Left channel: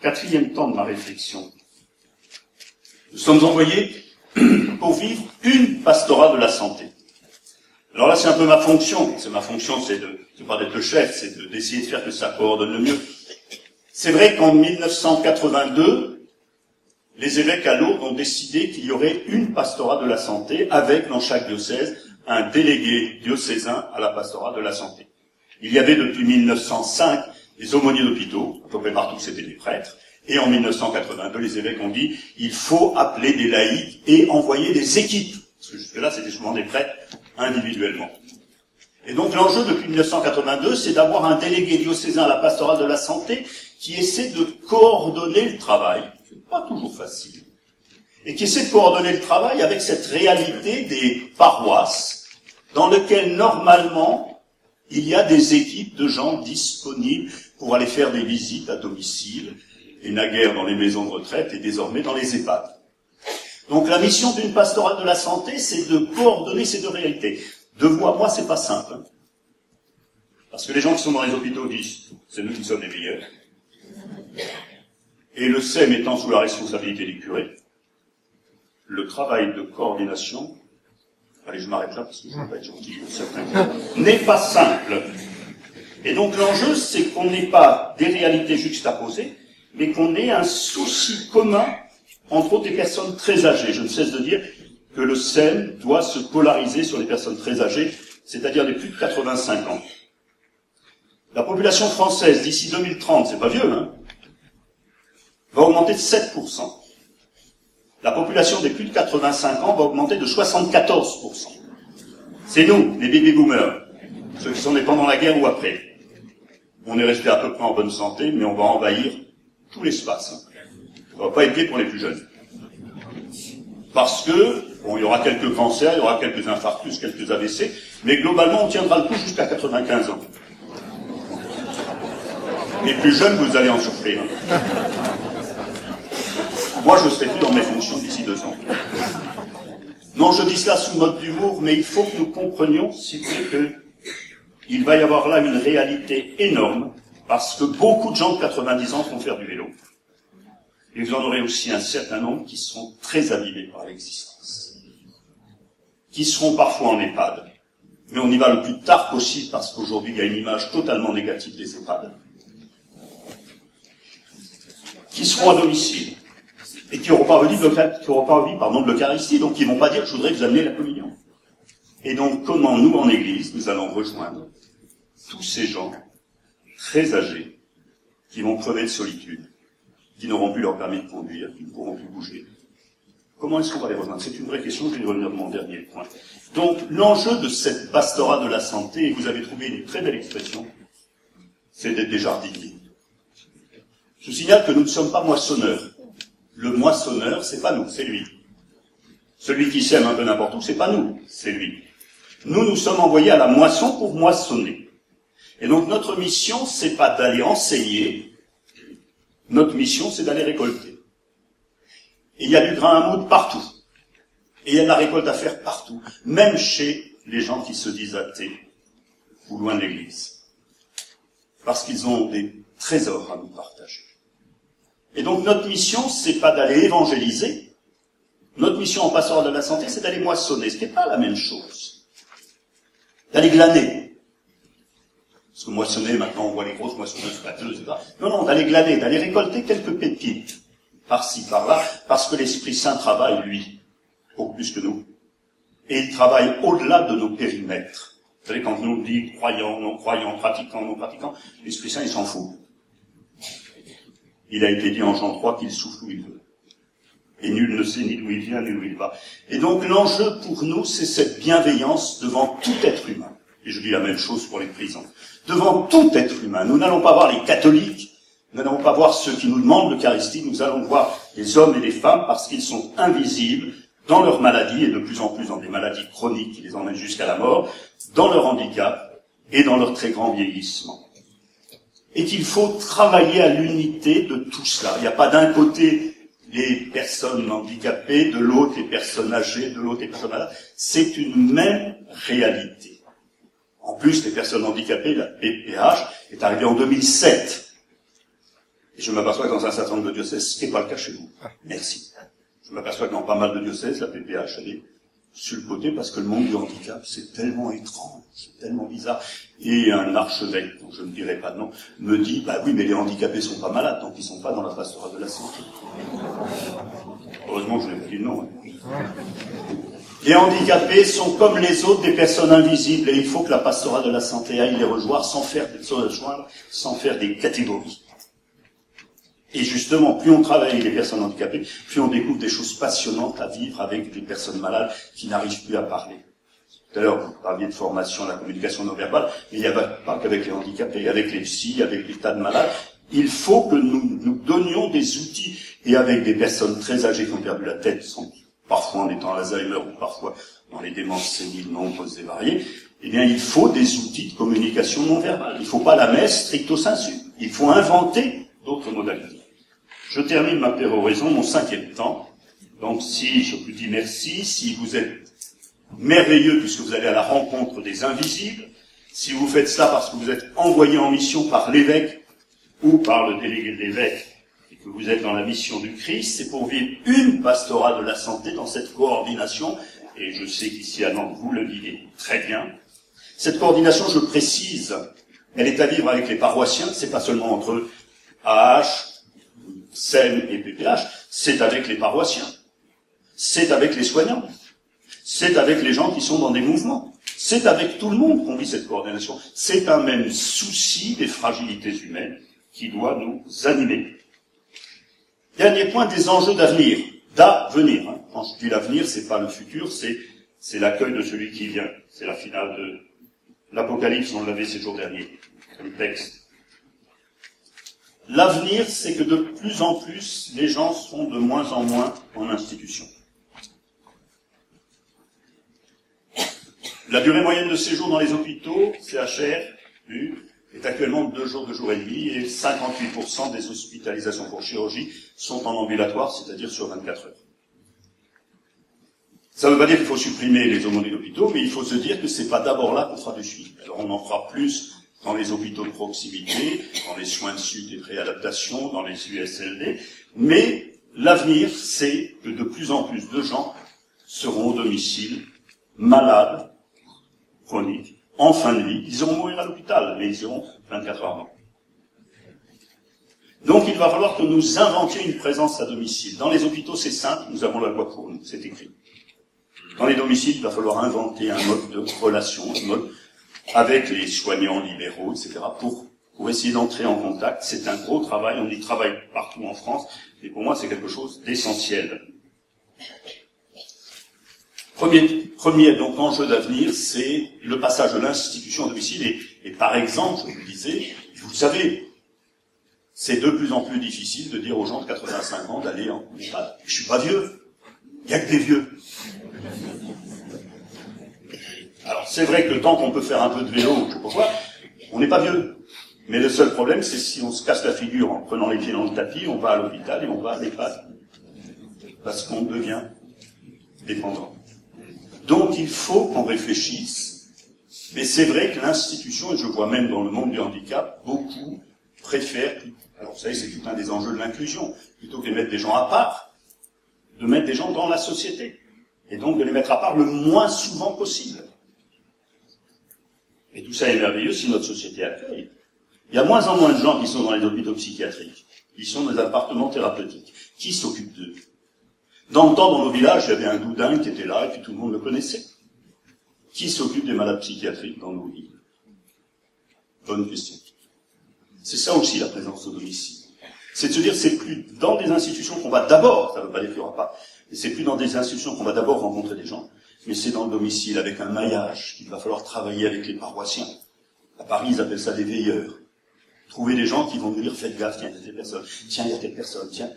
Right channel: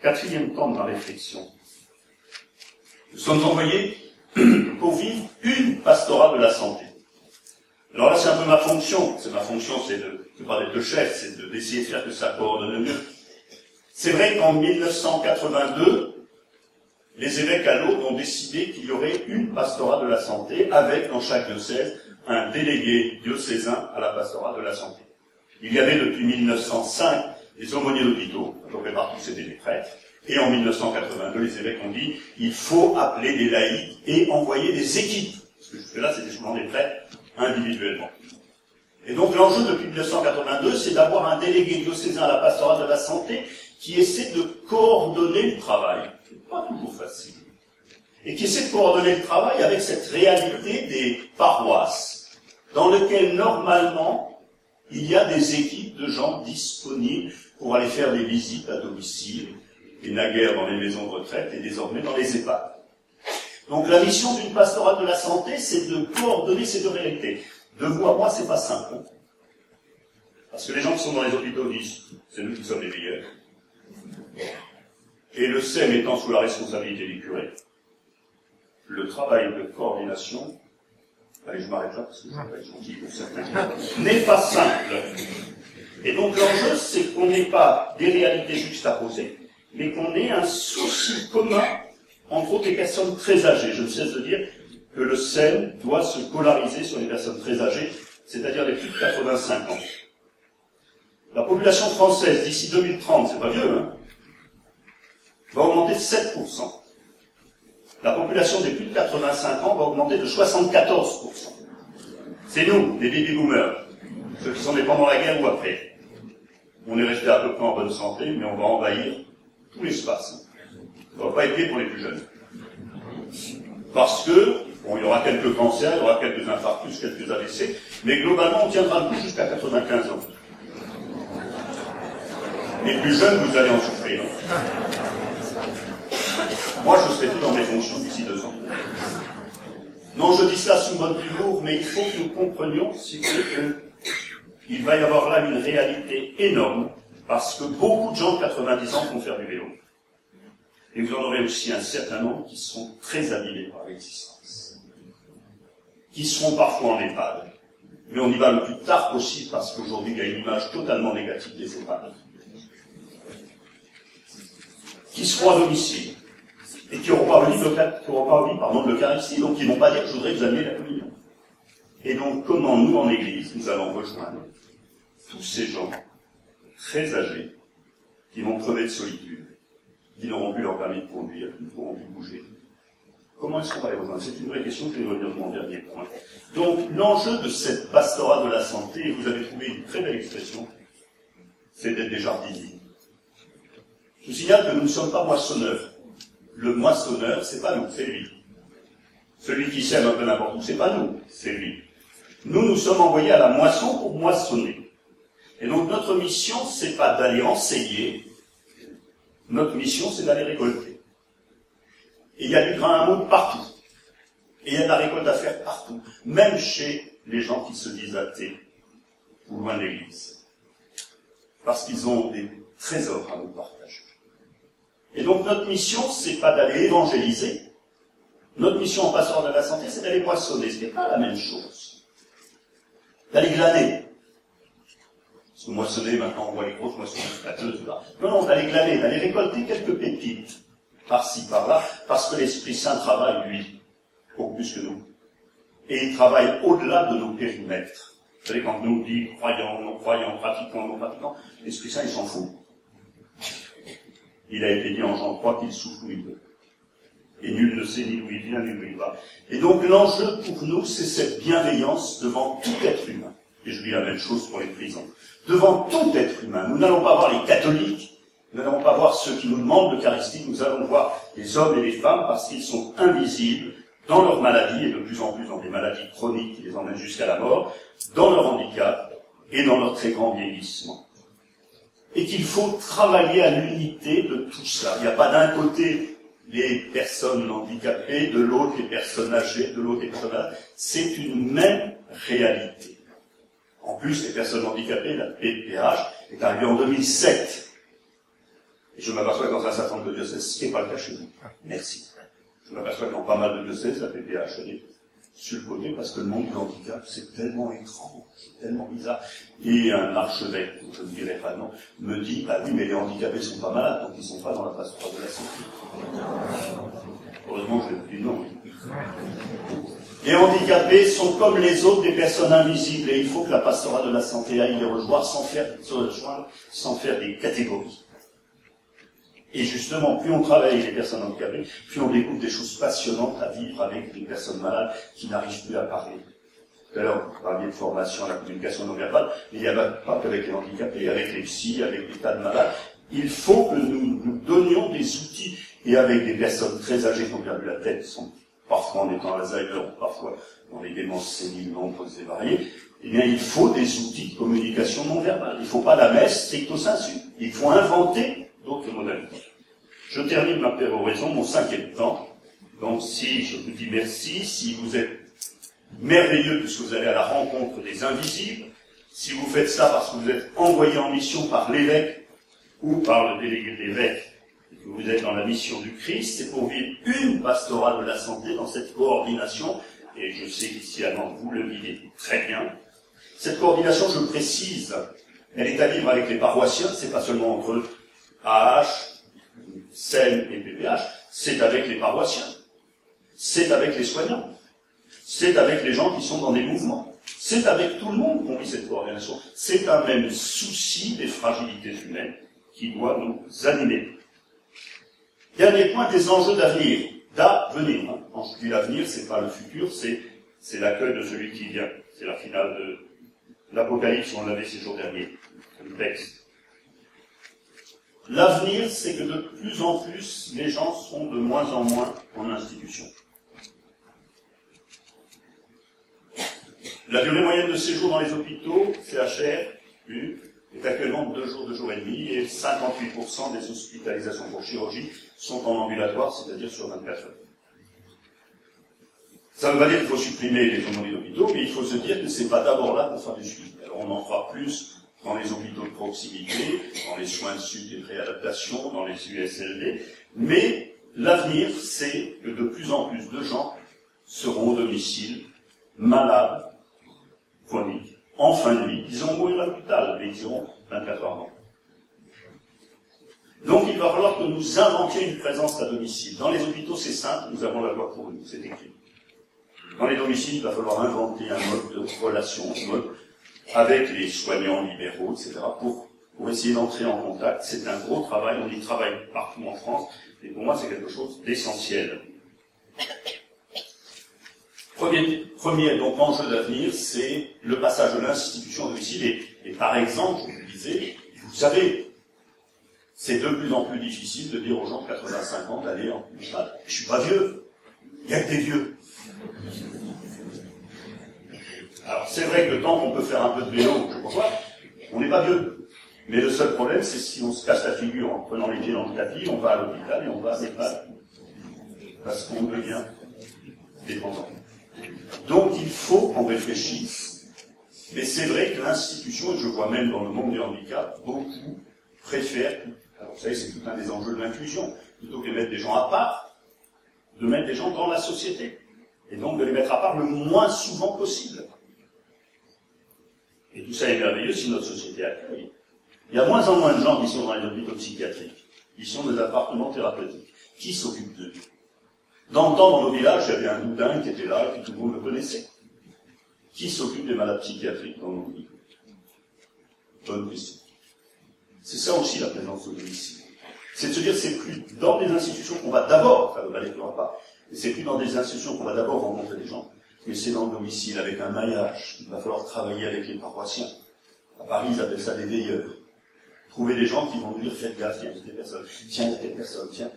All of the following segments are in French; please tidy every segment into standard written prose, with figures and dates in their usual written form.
Quatrième temps de ma réflexion. Nous sommes envoyés pour vivre une pastorale de la santé. Alors là, c'est un peu ma fonction. Ma fonction, c'est pas d'être le chef, c'est d'essayer de faire que ça coordonne le mieux. C'est vrai qu'en 1982, les évêques à Lourdes ont décidé qu'il y aurait une pastorale de la santé avec, dans chaque diocèse, un délégué diocésain à la pastorale de la santé. Il y avait depuis 1905 des aumôniers d'hôpitaux, à peu près partout c'était des prêtres, et en 1982, les évêques ont dit il faut appeler des laïcs et envoyer des équipes, parce que jusque-là c'était souvent des prêtres individuellement. Et donc l'enjeu depuis 1982, c'est d'avoir un délégué diocésain à la pastorale de la santé qui essaie de coordonner le travail. C'est pas toujours facile. Et qui essaie de coordonner le travail avec cette réalité des paroisses, dans lesquelles normalement il y a des équipes de gens disponibles pour aller faire des visites à domicile, et naguère dans les maisons de retraite et désormais dans les EHPAD. Donc la mission d'une pastorale de la santé, c'est de coordonner ces deux réalités. De vous à moi, c'est pas simple. Hein. Parce que les gens qui sont dans les hôpitaux disent, c'est nous qui sommes les meilleurs. Et le SEM étant sous la responsabilité des curés, le travail de coordination, allez, je m'arrête là parce que je ne vais pas être gentil pour certains, n'est pas simple. Et donc l'enjeu, c'est qu'on n'ait pas des réalités juxtaposées, mais qu'on ait un souci commun entre autres des personnes très âgées. Je ne cesse de dire que le SEM doit se polariser sur les personnes très âgées, c'est-à-dire les plus de 85 ans. La population française, d'ici 2030, c'est pas vieux, hein, va augmenter de 7%. La population des plus de 85 ans va augmenter de 74%. C'est nous, les baby-boomers, ceux qui sont nés pendant la guerre ou après. On est resté à peu près en bonne santé, mais on va envahir tout l'espace. On ne va pas être gai pour les plus jeunes. Parce que, bon, il y aura quelques cancers, il y aura quelques infarctus, quelques AVC, mais globalement, on tiendra le coup jusqu'à 95 ans. Les plus jeunes, vous allez en souffrir. Moi, je serai plus dans mes fonctions d'ici 2 ans. Non, je dis cela sous mode d'humour, mais il faut que nous comprenions, si vous voulez, qu'il va y avoir là une réalité énorme, parce que beaucoup de gens de 90 ans vont faire du vélo. Et vous en aurez aussi un certain nombre qui seront très abîmés par l'existence. Qui seront parfois en EHPAD. Mais on y va le plus tard possible, parce qu'aujourd'hui, il y a une image totalement négative des EHPAD. Qui seront à domicile. Et qui n'auront pas envie de l'Eucharistie, donc qui ne vont pas dire « je voudrais que vous ameniez la communion ». Et donc, comment nous, en Église, nous allons rejoindre tous ces gens très âgés qui vont crever de solitude, qui n'auront plus leur permis de conduire, qui ne pourront plus bouger. Comment est-ce qu'on va les rejoindre? C'est une vraie question, je vais revenir de mon dernier point. Donc, l'enjeu de cette pastorale de la santé, et vous avez trouvé une très belle expression, c'est d'être des jardiniers. Je signale que nous ne sommes pas moissonneurs. Le moissonneur, c'est pas nous, c'est lui. Celui qui sème un peu n'importe où, c'est pas nous, c'est lui. Nous, nous sommes envoyés à la moisson pour moissonner. Et donc notre mission, c'est pas d'aller enseigner, notre mission, c'est d'aller récolter. Et il y a du grain à moudre partout. Et il y a de la récolte à faire partout, même chez les gens qui se disent athées ou loin de l'Église. Parce qu'ils ont des trésors à nous partager. Et donc notre mission, c'est pas d'aller évangéliser. Notre mission en pastorale de la santé, c'est d'aller moissonner, ce qui n'est pas la même chose. D'aller glaner. Parce que moissonner, maintenant on voit les grosses moissonneuses pâteuses, etc. Non, d'aller glaner, d'aller récolter quelques pépites, par-ci, par-là, parce que l'Esprit Saint travaille, lui, beaucoup plus que nous. Et il travaille au-delà de nos périmètres. Vous savez, quand on nous dit croyants, non-croyants, pratiquants, non-pratiquants, l'Esprit Saint, il s'en fout. Il a été dit en Jean 3 qu'il souffle où il veut. Et nul ne sait ni d'où il vient, ni d'où il va. Et donc l'enjeu pour nous, c'est cette bienveillance devant tout être humain. Et je dis la même chose pour les prisons. Devant tout être humain. Nous n'allons pas voir les catholiques, nous n'allons pas voir ceux qui nous demandent l'Eucharistie, nous allons voir les hommes et les femmes parce qu'ils sont invisibles dans leur maladie, et de plus en plus dans des maladies chroniques qui les emmènent jusqu'à la mort, dans leur handicap et dans leur très grand vieillissement. Et qu'il faut travailler à l'unité de tout cela. Il n'y a pas d'un côté les personnes handicapées, de l'autre les personnes âgées, de l'autre les personnes malades. C'est une même réalité. En plus, les personnes handicapées, la PPH, est arrivée en 2007. Et je m'aperçois que dans un certain nombre de diocèses, ce n'est pas le cas chez vous. Merci. Je m'aperçois que dans pas mal de diocèses, la PPH, elle est sur le côté parce que le monde du handicap, c'est tellement étrange, c'est tellement bizarre. Et un archevêque, dont je ne dirai pas de nom, me dit, bah oui, mais les handicapés sont pas malades, donc ils sont pas dans la pastorale de la santé. Heureusement que je n'ai pas dit non. Les handicapés sont comme les autres des personnes invisibles, et il faut que la pastorale de la santé aille les rejoindre sans faire des catégories. Et justement, plus on travaille avec les personnes handicapées, plus on découvre des choses passionnantes à vivre avec des personnes malades qui n'arrivent plus à parler. Tout à l'heure, vous parliez de formation à la communication non verbale, mais il n'y a pas qu'avec les handicapés, avec les psys, avec des tas de malades. Il faut que nous donnions des outils, et avec des personnes très âgées qui ont perdu la tête, parfois en étant Alzheimer ou parfois dans les démences séniles nombreuses et variées, eh bien, il faut des outils de communication non verbale. Il ne faut pas la messe stricto sensu. Il faut inventer d'autres modalités. Je termine ma péroraison, mon 5e temps. Donc, si je vous dis merci, si vous êtes merveilleux puisque vous allez à la rencontre des invisibles, si vous faites ça parce que vous êtes envoyé en mission par l'évêque ou par le délégué de l'évêque, et que vous êtes dans la mission du Christ, c'est pour vivre une pastorale de la santé dans cette coordination, et je sais qu'ici à Nantes, vous le vivez très bien. Cette coordination, je précise, elle est à vivre avec les paroissiens, c'est pas seulement entre AH, SEM et PPH, c'est avec les paroissiens, c'est avec les soignants, c'est avec les gens qui sont dans des mouvements, c'est avec tout le monde qu'on vit cette coordination. C'est un même souci des fragilités humaines qui doit nous animer. Dernier point, des enjeux d'avenir. D'avenir. Hein. Quand je dis l'avenir, c'est pas le futur, c'est l'accueil de celui qui vient. C'est la finale de l'Apocalypse, on l'avait ces jours derniers, comme texte. L'avenir, c'est que de plus en plus, les gens seront de moins en moins en institution. La durée moyenne de séjour dans les hôpitaux, CHR, est actuellement de 2 jours, 2 jours et demi, et 58% des hospitalisations pour chirurgie sont en ambulatoire, c'est-à-dire sur 24 heures. Ça ne veut pas dire qu'il faut supprimer les aumôniers d'hôpitaux, mais il faut se dire que c'est pas d'abord là qu'on fera du suivi. Alors on en fera plus dans les hôpitaux de proximité, dans les soins de suite et de réadaptation, dans les USLD, mais l'avenir, c'est que de plus en plus de gens seront au domicile, malades, chroniques, en fin de vie. Ils iront mourir à l'hôpital, mais ils iront 24 heures avant. Donc il va falloir que nous inventions une présence à domicile. Dans les hôpitaux, c'est simple, nous avons la loi pour nous, c'est écrit. Dans les domiciles, il va falloir inventer un mode de relation, un mode avec les soignants libéraux, etc., pour essayer d'entrer en contact. C'est un gros travail, on y travaille partout en France, et pour moi c'est quelque chose d'essentiel. Premier donc enjeu d'avenir, c'est le passage de l'institution au domicile, et par exemple, je vous le disais, vous le savez, c'est de plus en plus difficile de dire aux gens de 85 ans d'aller en EHPAD. Je suis pas vieux, il n'y a que des vieux. Alors c'est vrai que tant qu'on peut faire un peu de vélo, je sais pas quoi, on n'est pas vieux. Mais le seul problème, c'est si on se casse la figure en prenant les pieds dans le tapis, on va à l'hôpital et on va à l'EHPAD. Parce qu'on devient dépendant. Donc il faut qu'on réfléchisse. Mais c'est vrai que l'institution, et je vois même dans le monde du handicap, beaucoup préfèrent, alors vous savez, c'est tout un des enjeux de l'inclusion, plutôt que de mettre des gens à part, de mettre des gens dans la société. Et donc de les mettre à part le moins souvent possible. Et tout ça est merveilleux si notre société accueille. Il y a moins en moins de gens qui sont dans les hôpitaux psychiatriques, qui sont dans des appartements thérapeutiques. Qui s'occupe d'eux? Dans le temps, dans nos villages, il y avait un doudin qui était là, et puis tout le monde le connaissait. Qui s'occupe des malades psychiatriques dans nos villes? Bonne question. C'est ça aussi la présence au domicile. C'est de se dire, c'est plus dans des institutions qu'on va d'abord, ça ne veut pas dire qu'il n'y aura pas, c'est plus dans des institutions qu'on va d'abord rencontrer des gens, mais c'est dans le domicile, avec un maillage. Il va falloir travailler avec les paroissiens. À Paris, ils appellent ça des veilleurs. Trouver des gens qui vont nous dire, faites gaffe, tiens, il y a telle personne, tiens, il y a telle personne, tiens.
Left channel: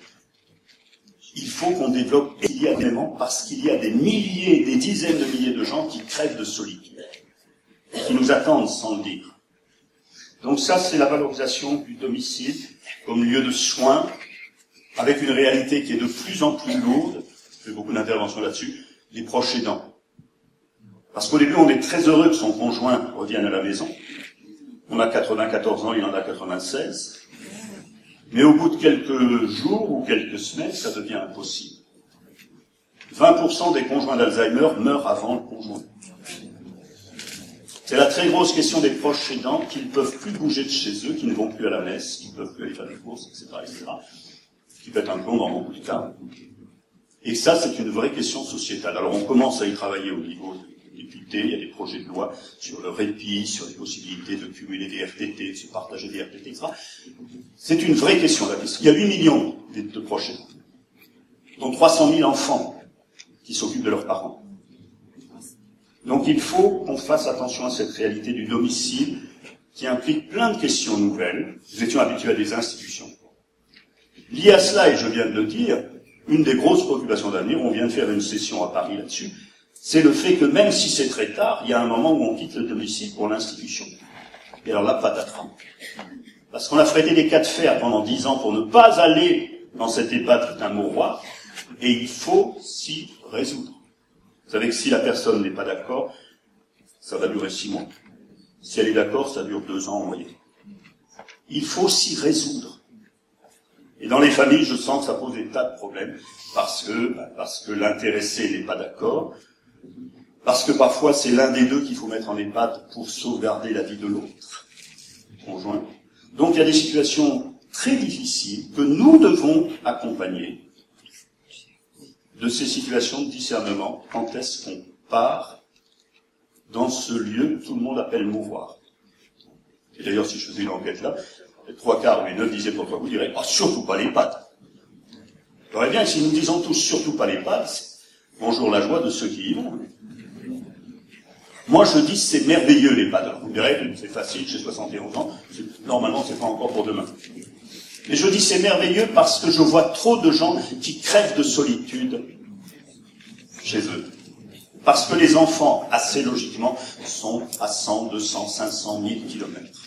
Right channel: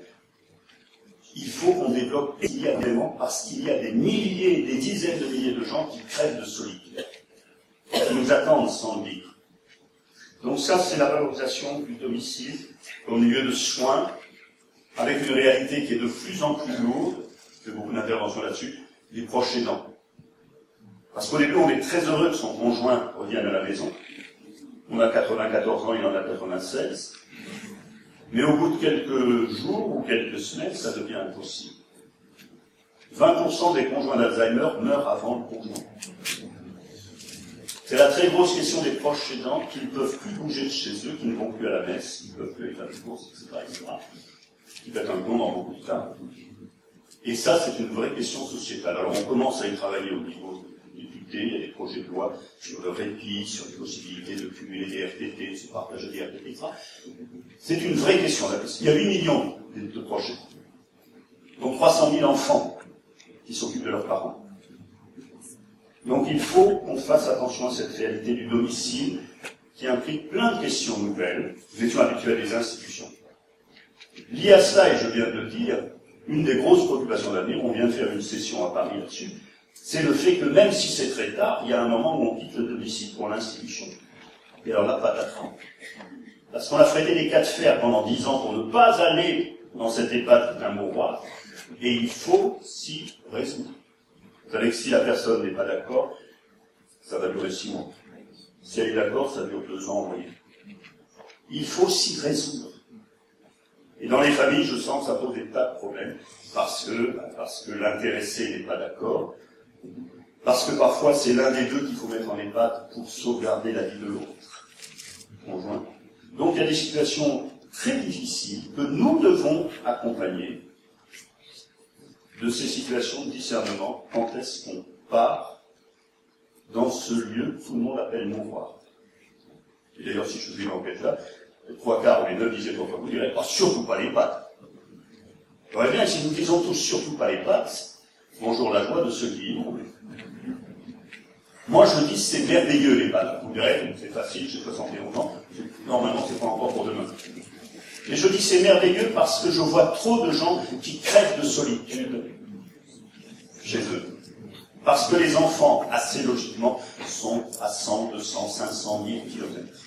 Il faut qu'on développe immédiatement, parce qu'il y a des milliers, des dizaines de milliers de gens qui crèvent de solitude, qui nous attendent sans le dire. Donc ça, c'est la valorisation du domicile comme lieu de soins, avec une réalité qui est de plus en plus lourde, je fais beaucoup d'interventions là-dessus, les proches aidants. Parce qu'au début, on est très heureux que son conjoint revienne à la maison. On a 94 ans, il en a 96. Mais au bout de quelques jours ou quelques semaines, ça devient impossible. 20% des conjoints d'Alzheimer meurent avant le conjoint. C'est la très grosse question des proches aidants qui ne peuvent plus bouger de chez eux, qui ne vont plus à la messe, qui ne peuvent plus aller faire des courses, etc., qui pètent un plomb dans beaucoup de cas. Et ça, c'est une vraie question sociétale. Alors on commence à y travailler au niveau des députés, il y a des projets de loi sur le répit, sur les possibilités de cumuler des RTT, de se partager des RTT, etc. C'est une vraie question, la question. Il y a 8 millions de proches aidants, dont 300 000 enfants qui s'occupent de leurs parents. Donc il faut qu'on fasse attention à cette réalité du domicile qui implique plein de questions nouvelles. Nous étions habitués à des institutions. Lié à cela, et je viens de le dire, une des grosses préoccupations d'avenir, on vient de faire une session à Paris là-dessus, c'est le fait que même si c'est très tard, il y a un moment où on quitte le domicile pour l'institution. Et alors là, patatras. Parce qu'on a frété des cas de fer pendant 10 ans pour ne pas aller dans cette EHPAD qui est un mouroir, et il faut s'y résoudre. Vous savez que si la personne n'est pas d'accord, ça va durer 6 mois. Si elle est d'accord, ça dure 2 ans en moyenne. Il faut s'y résoudre. Et dans les familles, je sens que ça pose des tas de problèmes, parce que l'intéressé n'est pas d'accord, parce que parfois c'est l'un des deux qu'il faut mettre en EHPAD pour sauvegarder la vie de l'autre, conjoint. Donc il y a des situations très difficiles que nous devons accompagner de ces situations de discernement. Quand est-ce qu'on part dans ce lieu que tout le monde appelle mouroir? Et d'ailleurs, si je faisais une enquête là, les 3/4 ou les 9 dixièmes d'entre vous diraient « surtout pas les pattes ». Il faudrait bien que si nous disons tous « surtout pas les pattes », bonjour la joie de ceux qui y vont. Moi, je dis c'est merveilleux les pattes. Vous me direz, c'est facile, j'ai 71 ans, normalement c'est pas encore pour demain. Mais je dis c'est merveilleux parce que je vois trop de gens qui crèvent de solitude chez eux. Parce que les enfants, assez logiquement, sont à 100, 200, 500, 1000 kilomètres.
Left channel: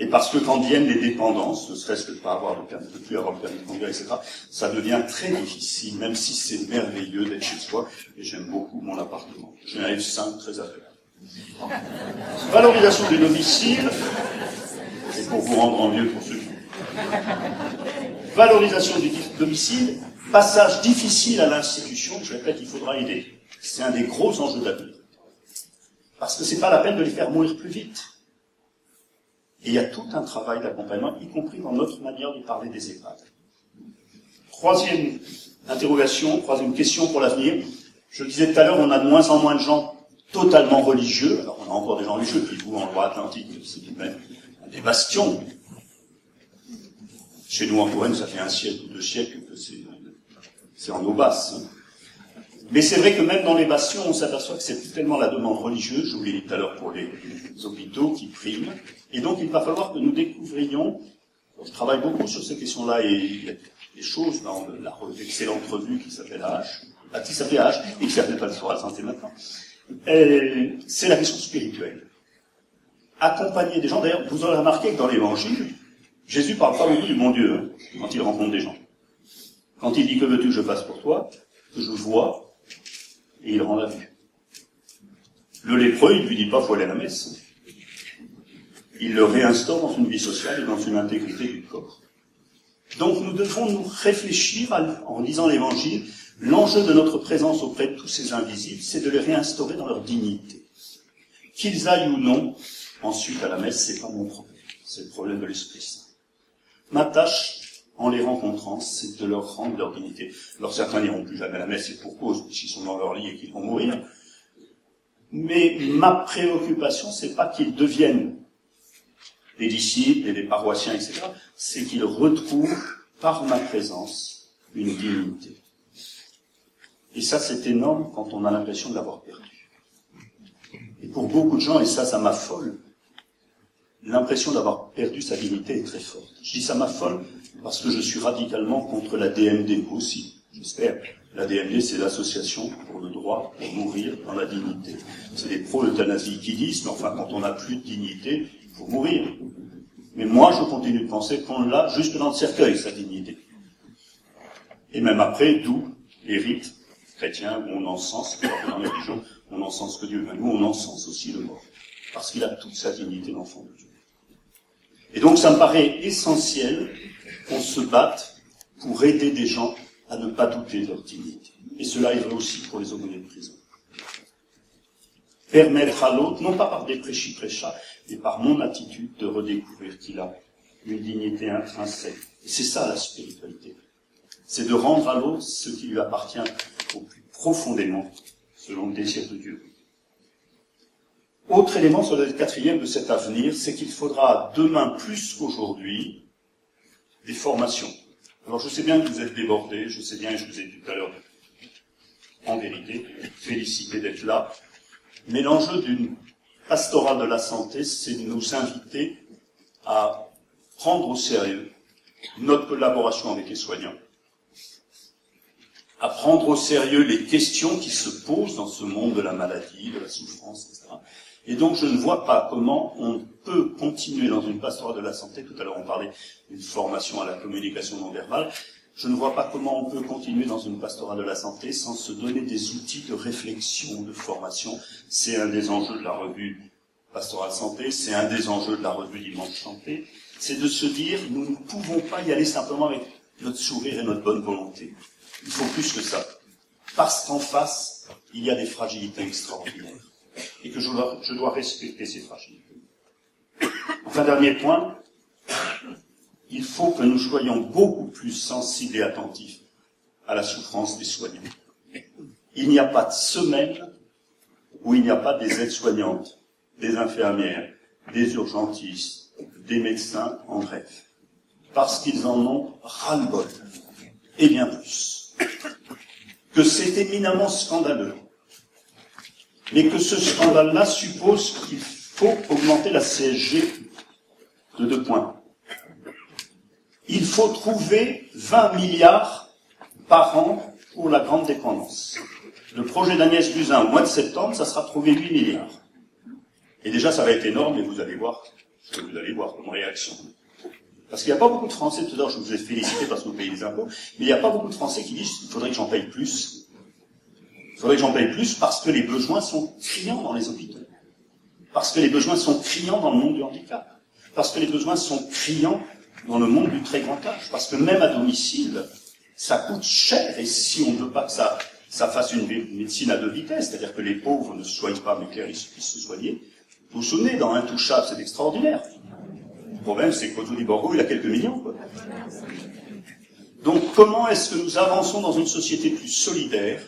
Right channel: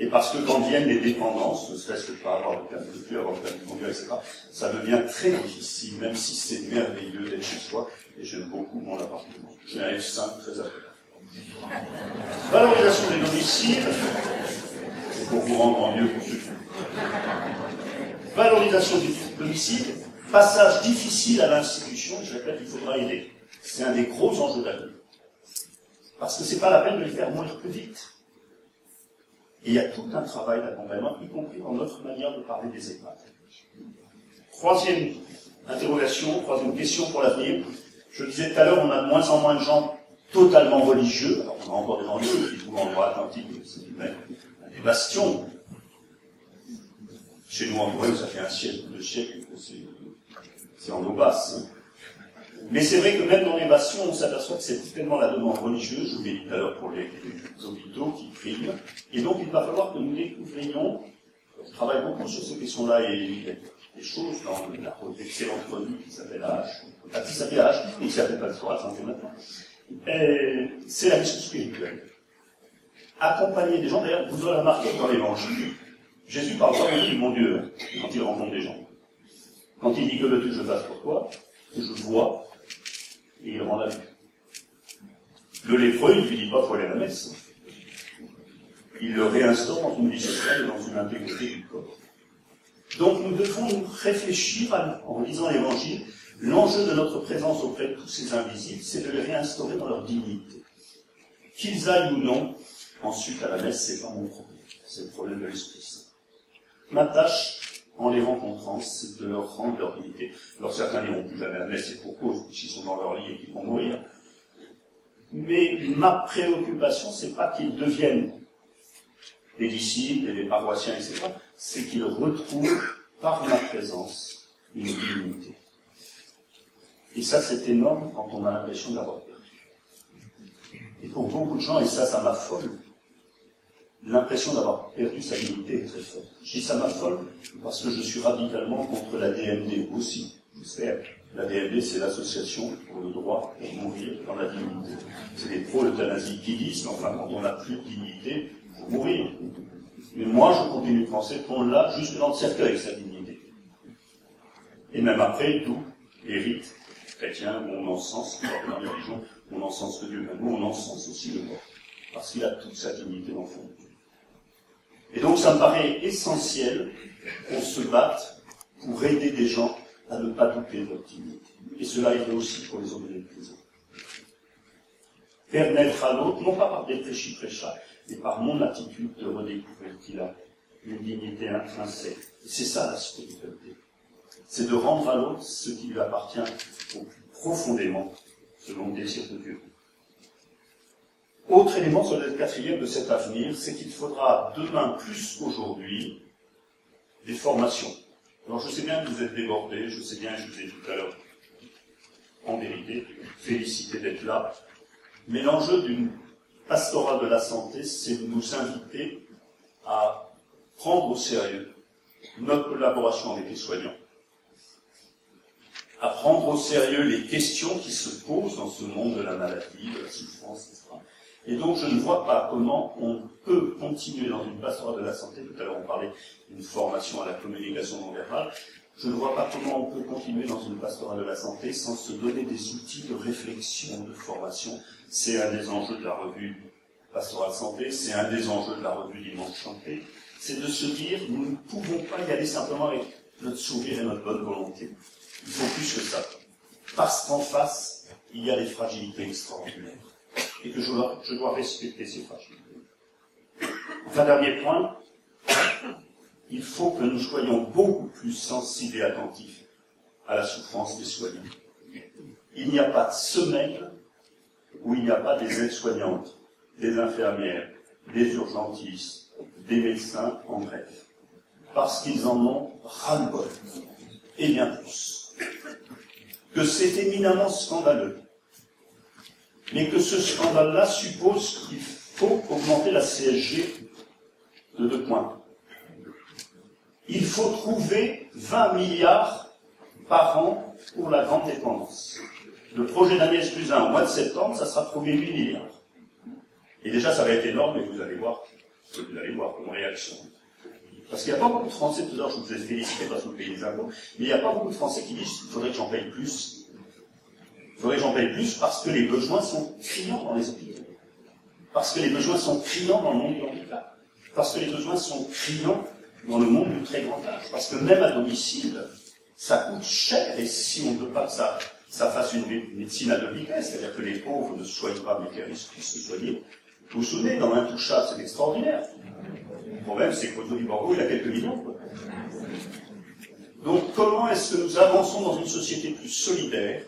Et parce que quand viennent les dépendances, ne serait-ce que de ne plus avoir le permis de conduire, etc., ça devient très difficile, même si c'est merveilleux d'être chez soi, et j'aime beaucoup mon appartement. J'ai un F5 très agréable. Valorisation du domicile, c'est pour vous rendre envieux pour ceux qui... Valorisation du domicile, passage difficile à l'institution, je répète, il faudra aider. C'est un des gros enjeux d'avenir. Parce que c'est pas la peine de les faire mourir plus vite. Et il y a tout un travail d'accompagnement, y compris dans notre manière de parler des EHPAD. Troisième interrogation, troisième question pour l'avenir. Je le disais tout à l'heure, on a de moins en moins de gens totalement religieux. Alors on a encore des gens religieux qui vivent en Loire-Atlantique, c'est tout de même des bastions. Chez nous en Touraine, ça fait 1 siècle ou 2 siècles que c'est en eau basse. Hein. Mais c'est vrai que même dans les bastions, on s'aperçoit que c'est tellement la demande religieuse, je vous l'ai dit tout à l'heure pour les hôpitaux, qui prime. Et donc il va falloir que nous découvrions, je travaille beaucoup sur ces questions-là, et il y a des choses dans l'excellente revue qui s'appelle AH, qui s'appelait AH, et qui s'appelle pas sur la santé maintenant. C'est la question spirituelle. Accompagner des gens, d'ailleurs, vous aurez remarqué que dans l'Évangile, Jésus parle pas beaucoup du bon Dieu, hein, quand il rencontre des gens. Quand il dit « Que veux-tu que je fasse pour toi ?» que je vois, et il rend la vue. Le lépreux, il ne lui dit pas « faut aller à la messe ». Il le réinstaure dans une vie sociale et dans une intégrité du corps. Donc nous devons nous réfléchir, en lisant l'Évangile, l'enjeu de notre présence auprès de tous ces invisibles, c'est de les réinstaurer dans leur dignité. Qu'ils aillent ou non, ensuite à la messe, c'est pas mon problème, c'est le problème de l'Esprit Saint. Ma tâche, en les rencontrant, c'est de leur rendre leur dignité. Alors certains n'iront plus jamais à la messe, et pour cause, puisqu'ils sont dans leur lit et qu'ils vont mourir. Mais ma préoccupation, c'est pas qu'ils deviennent des disciples et des paroissiens, etc. C'est qu'ils retrouvent, par ma présence, une dignité. Et ça, c'est énorme quand on a l'impression de l'avoir perdu. Et pour beaucoup de gens, et ça m'affole, l'impression d'avoir perdu sa dignité est très forte. Je dis ça m'affole parce que je suis radicalement contre la DMD aussi, j'espère. La DMD, c'est l'association pour le droit pour mourir dans la dignité. C'est des pro-euthanasie qui disent, mais enfin, quand on n'a plus de dignité, il faut mourir. Mais moi, je continue de penser qu'on l'a juste dans le cercueil, sa dignité. Et même après, d'où les rites chrétiens où on encense, dans les religions, on encense que Dieu. Mais nous, on encense aussi le mort. Parce qu'il a toute sa dignité d'enfant de Dieu. Et donc ça me paraît essentiel qu'on se batte pour aider des gens à ne pas douter de leur dignité. Et cela est vrai aussi pour les aumôniers de prison. Permettre à l'autre, non pas par des prêchis-prêchats, mais par mon attitude de redécouvrir qu'il a une dignité intrinsèque. Et c'est ça la spiritualité. C'est de rendre à l'autre ce qui lui appartient au plus profondément, selon le désir de Dieu. Autre élément sur le quatrième de cet avenir, c'est qu'il faudra demain plus qu'aujourd'hui des formations. Alors je sais bien que vous êtes débordés, je sais bien, et je vous ai dit tout à l'heure, en vérité, félicité d'être là, mais l'enjeu d'une pastorale de la santé, c'est de nous inviter à prendre au sérieux notre collaboration avec les soignants, à prendre au sérieux les questions qui se posent dans ce monde de la maladie, de la souffrance, etc. Et donc je ne vois pas comment on peut continuer dans une pastorale de la santé, tout à l'heure on parlait d'une formation à la communication non verbale, je ne vois pas comment on peut continuer dans une pastorale de la santé sans se donner des outils de réflexion, de formation. C'est un des enjeux de la revue Pastorale Santé, c'est un des enjeux de la revue Dimanche Chanté, c'est de se dire, nous ne pouvons pas y aller simplement avec notre sourire et notre bonne volonté. Il faut plus que ça. Parce qu'en face, il y a des fragilités extraordinaires. Et que je dois respecter ces fragilités. Enfin, dernier point, il faut que nous soyons beaucoup plus sensibles et attentifs à la souffrance des soignants. Il n'y a pas de semaine où il n'y a pas des aides-soignantes, des infirmières, des urgentistes, des médecins en grève. Parce qu'ils en ont ras-le-bol. Et bien plus. Que c'est éminemment scandaleux. Mais que ce scandale-là suppose qu'il faut augmenter la CSG de 2 points. Il faut trouver 20 milliards par an pour la grande dépendance. Le projet d'Agnès Buzyn au mois de septembre, ça sera trouver 8 milliards. Et déjà, ça va être énorme, et vous allez voir ce que vous allez voir comme réaction. Parce qu'il n'y a pas beaucoup de Français, tout à l'heure je vous ai félicité parce que vous payez des impôts, mais il n'y a pas beaucoup de Français qui disent qu'il faudrait que j'en paye plus. Il faudrait que j'en paye plus parce que les besoins sont criants dans les hôpitaux. Parce que les besoins sont criants dans le monde du handicap. Parce que les besoins sont criants dans le monde du très grand âge. Parce que même à domicile, ça coûte cher. Et si on ne veut pas que ça fasse une médecine à 2 vitesses, c'est-à-dire que les pauvres ne se soignent pas, mais qu'ils puissent se soigner, vous vous souvenez, dans Intouchable, c'est extraordinaire. Le problème, c'est que Otto Borgo, il a quelques millions, quoi. Donc, comment est-ce que nous avançons dans une société plus solidaire,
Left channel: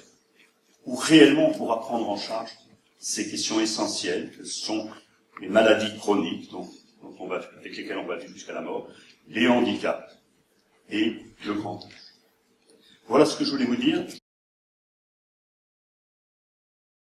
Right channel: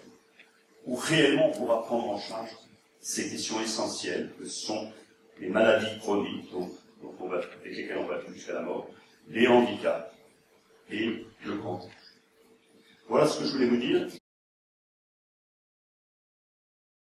où réellement on pourra prendre en charge ces questions essentielles, que sont les maladies chroniques, avec lesquelles on va vivre jusqu'à la mort, les handicaps et le grand âge. Voilà ce que je voulais vous dire.